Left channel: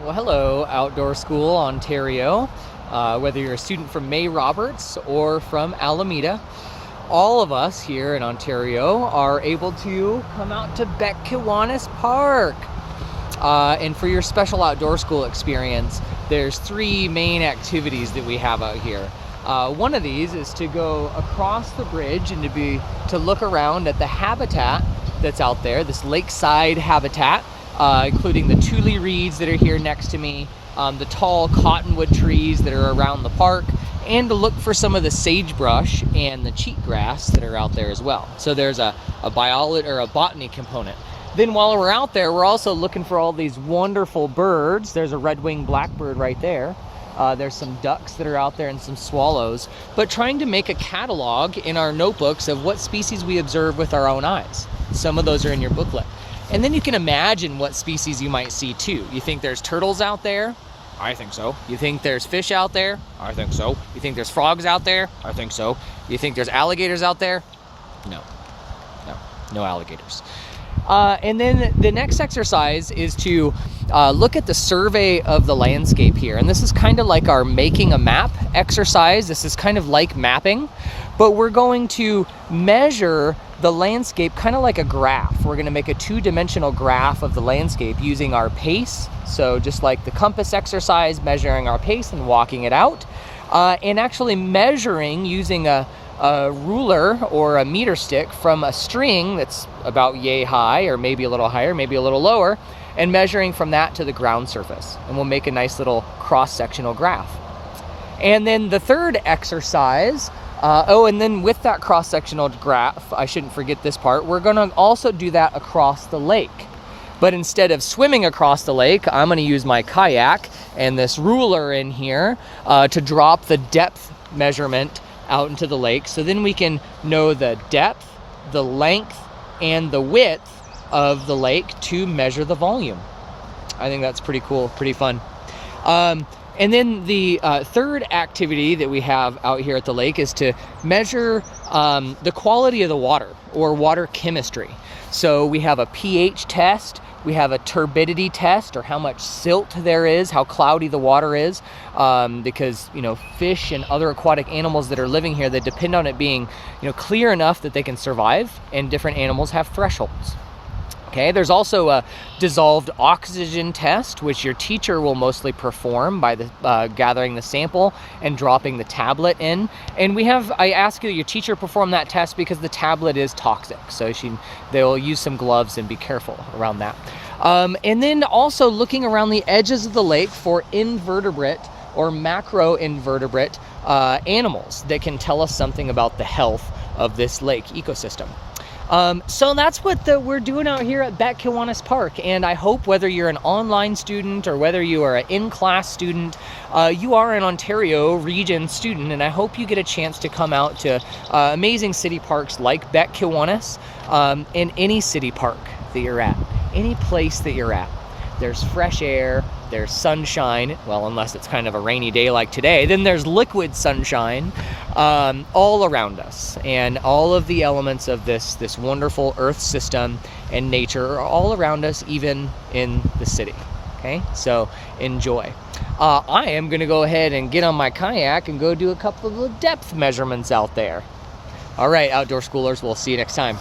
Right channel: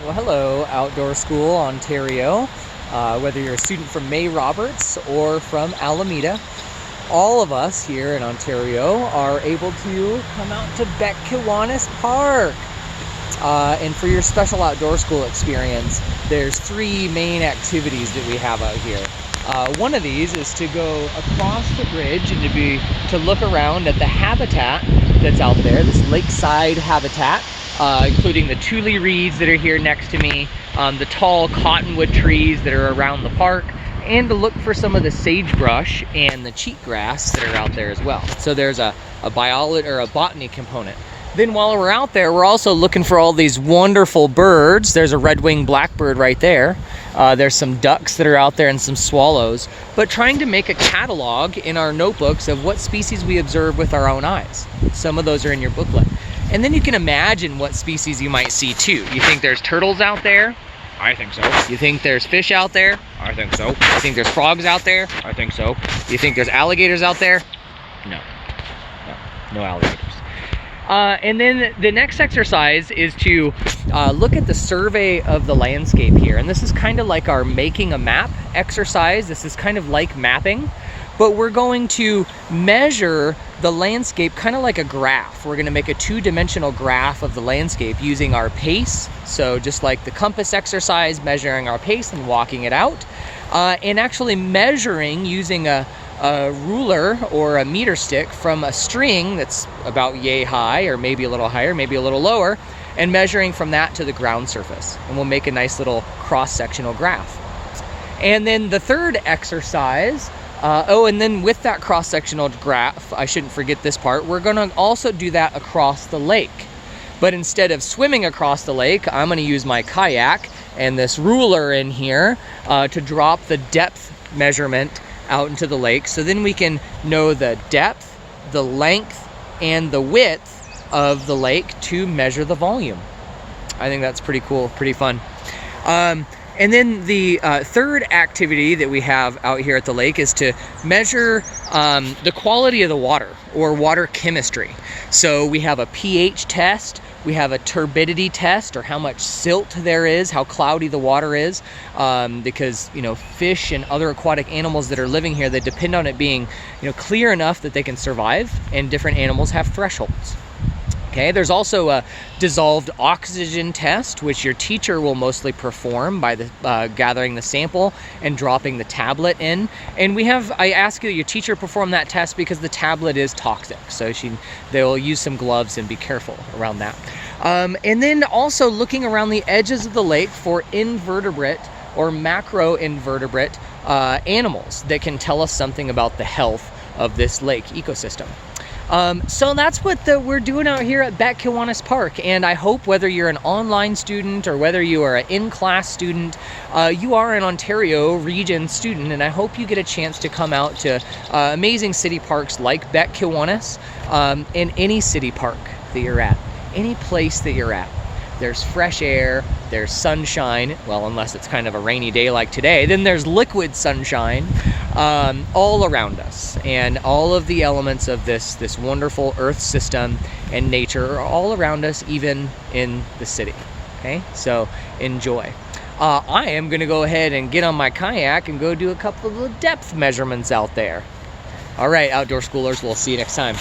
Well, hello, Outdoor School Ontario. Whether you're a student from May Roberts or from Alameda, all of us here in Ontario are able to come out to Beck-Kiwanis Park. And for your special outdoor school experience, there's three main activities that we have out here. One of these is to go across the bridge and to look around at the habitat that's out there, this lakeside habitat, including the tule reeds that are here next to me, the tall cottonwood trees that are around the park, and to look for some of the sagebrush and the cheatgrass that are out there as well. So there's a biology or a botany component. Then while we're out there, we're also looking for all these wonderful birds. There's a red-winged blackbird right there. There's some ducks that are out there and some swallows, but trying to make a catalog in our notebooks of what species we observe with our own eyes. Some of those are in your booklet. And then you can imagine what species you might see too. You think there's turtles out there? I think so. You think there's fish out there? I think so. You think there's frogs out there? I think so. You think there's alligators out there? No. No alligators. And then the next exercise is to look at the survey of the landscape here. And this is kind of like our making a map exercise. This is kind of like mapping, but we're going to measure the landscape kind of like a graph. We're going to make a two-dimensional graph of the landscape using our pace. So just like the compass exercise, measuring our pace and walking it out, and actually measuring using a ruler or a meter stick from a string that's about yay high, or maybe a little higher, maybe a little lower, and measuring from that to the ground surface. And we'll make a nice little cross-sectional graph. And then the third exercise, and then with that cross-sectional graph, I shouldn't forget this part, we're gonna also do that across the lake. But instead of swimming across the lake, I'm gonna use my kayak and this ruler in here to drop the depth measurement out into the lake, so then we can know the depth, the length, and the width of the lake to measure the volume. I think that's pretty cool, pretty fun. And then the third activity that we have out here at the lake is to measure the quality of the water, or water chemistry. So we have a pH test, we have a turbidity test, or how much silt there is, how cloudy the water is, because fish and other aquatic animals that are living here, they depend on it being clear enough that they can survive, and different animals have thresholds. Okay, there's also a dissolved oxygen test, which your teacher will mostly perform by gathering the sample and dropping the tablet in. And I ask you that your teacher perform that test because the tablet is toxic. So they'll use some gloves and be careful around that. And then also looking around the edges of the lake for invertebrate or macroinvertebrate animals that can tell us something about the health of this lake ecosystem. So that's what we're doing out here at Beck-Kiwanis Park, and I hope whether you're an online student or whether you are an in-class student, you are an Ontario region student, and I hope you get a chance to come out to amazing city parks like Beck-Kiwanis, in any city park that you're at, any place that you're at. There's fresh air, there's sunshine, well, unless it's kind of a rainy day like today, then there's liquid sunshine all around us. And all of the elements of this wonderful earth system and nature are all around us, even in the city. Okay, so enjoy. I am going to go ahead and get on my kayak and go do a couple of depth measurements out there. All right, outdoor schoolers, we'll see you next time.